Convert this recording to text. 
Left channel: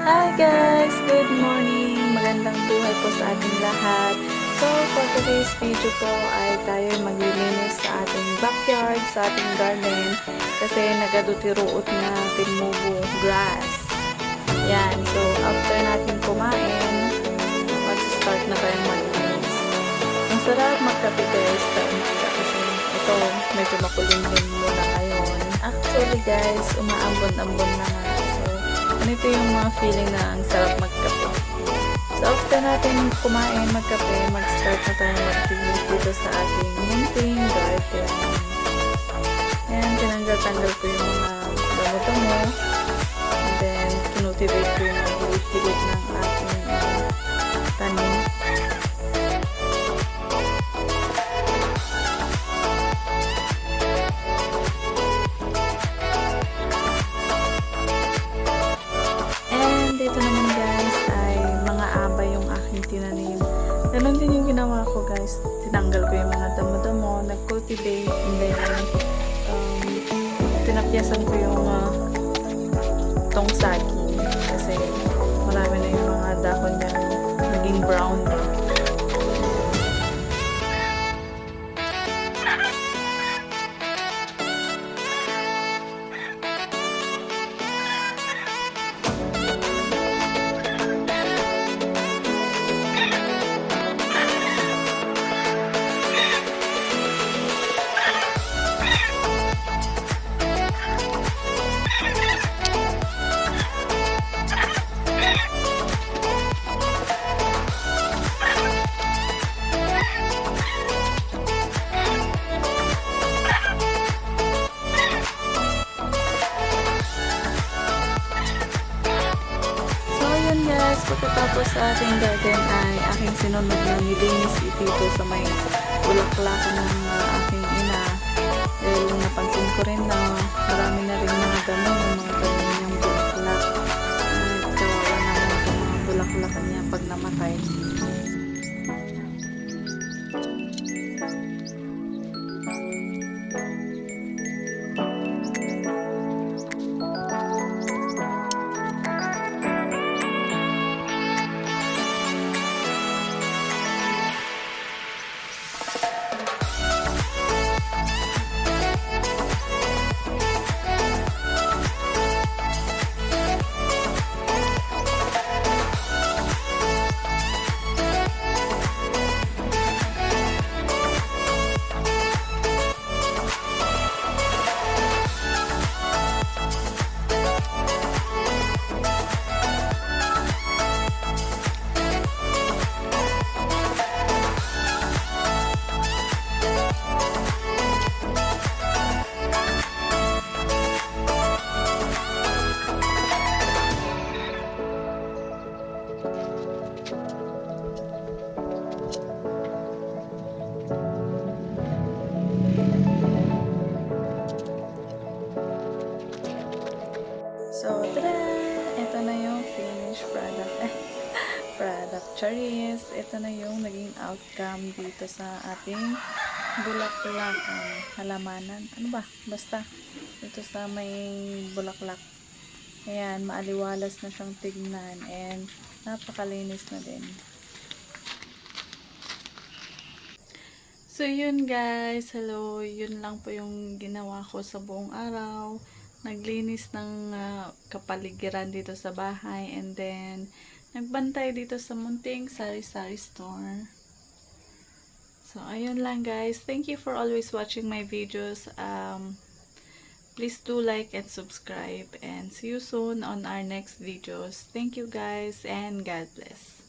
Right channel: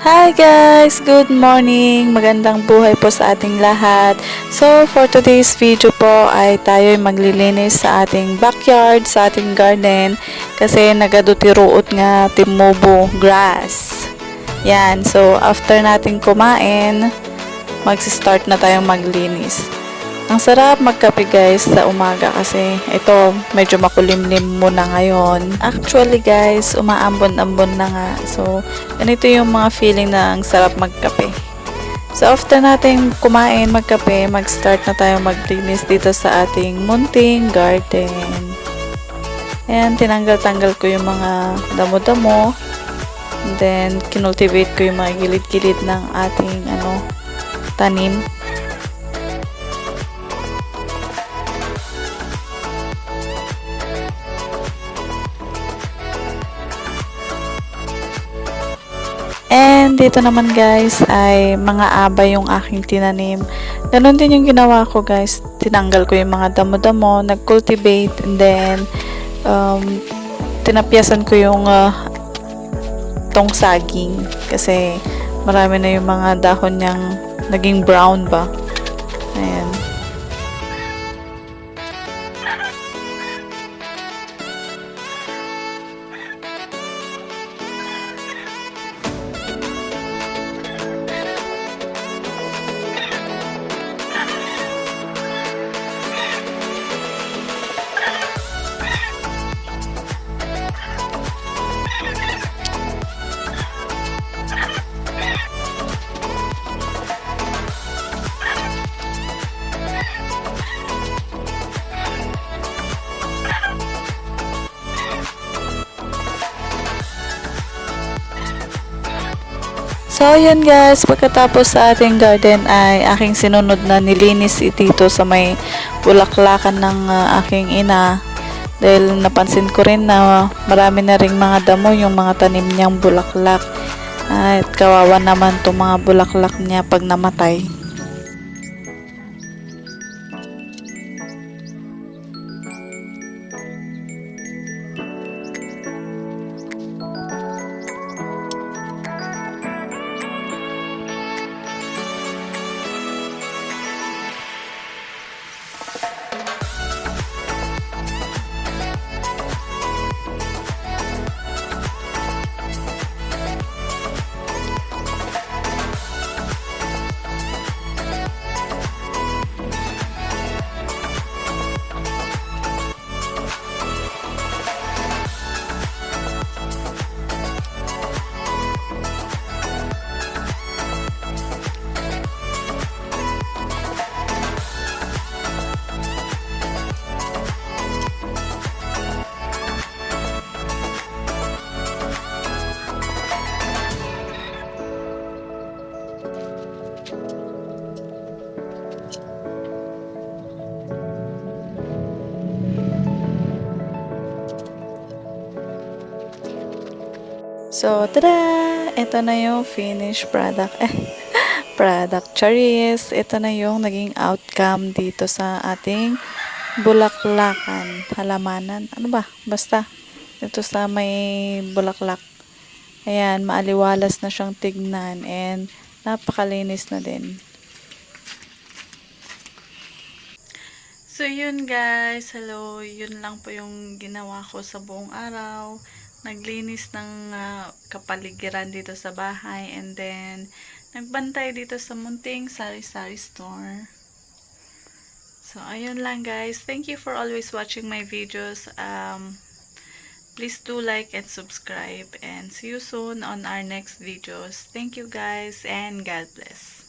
Hi guys! Good morning! Magandang buhay po sa ating lahat. So, for today's video po ay tayo maglilinis sa ating backyard, sa ating garden kasi nagadutiruot nga timobo grass. Yan. So, after natin kumain, mag-start na tayong maglinis. Ang sarap magkape guys sa umaga kasi ito medyo makulimlim muna ngayon. Actually guys, umaambon-ambon na nga. So, ganito yung mga feeling na ang sarap magkape. So, after natin kumain, magkape, mag-start na tayong maglinis dito sa ating munting garden. Ayan, tinanggal-tanggal ko yung mga damo-damo. And then, kinultivate ko yung mga gilid-gilid ng ating tanim. And dito naman guys ay mga abay yung aking tinanim. Ganon din yung ginawa ko guys. Tinanggal ko yung mga damo-damo, nag-cultivate, and then tinapyasan ko yung tong saging kasi marami na yung mga dahon niyang naging brown ba. Ayan. So, yun guys, pagkatapos sa ating garden ay aking sinunod na nilinis dito sa may bulaklakan ng aking ina. Dahil napansin ko rin na marami na ring mga damo yung mga tanim niyang bulaklak. At kawawa naman itong mga bulaklak niya pag namatay. So, tada! Ito na yung finished product. Product charis. Ito na yung naging outcome dito sa ating bulaklakan. Halamanan. Ano ba? Basta. Dito sa may bulaklak. Ayan, maaliwalas na siyang tignan. And, napakalinis na din. So, yun guys. Hello. Yun lang po yung ginawa ko sa buong araw. Naglinis ng kapaligiran dito sa bahay, and then nagbantay dito sa munting sari-sari store. So, ayun lang guys. Thank you for always watching my videos. Please do like and subscribe, and see you soon on our next videos. Thank you guys, and God bless.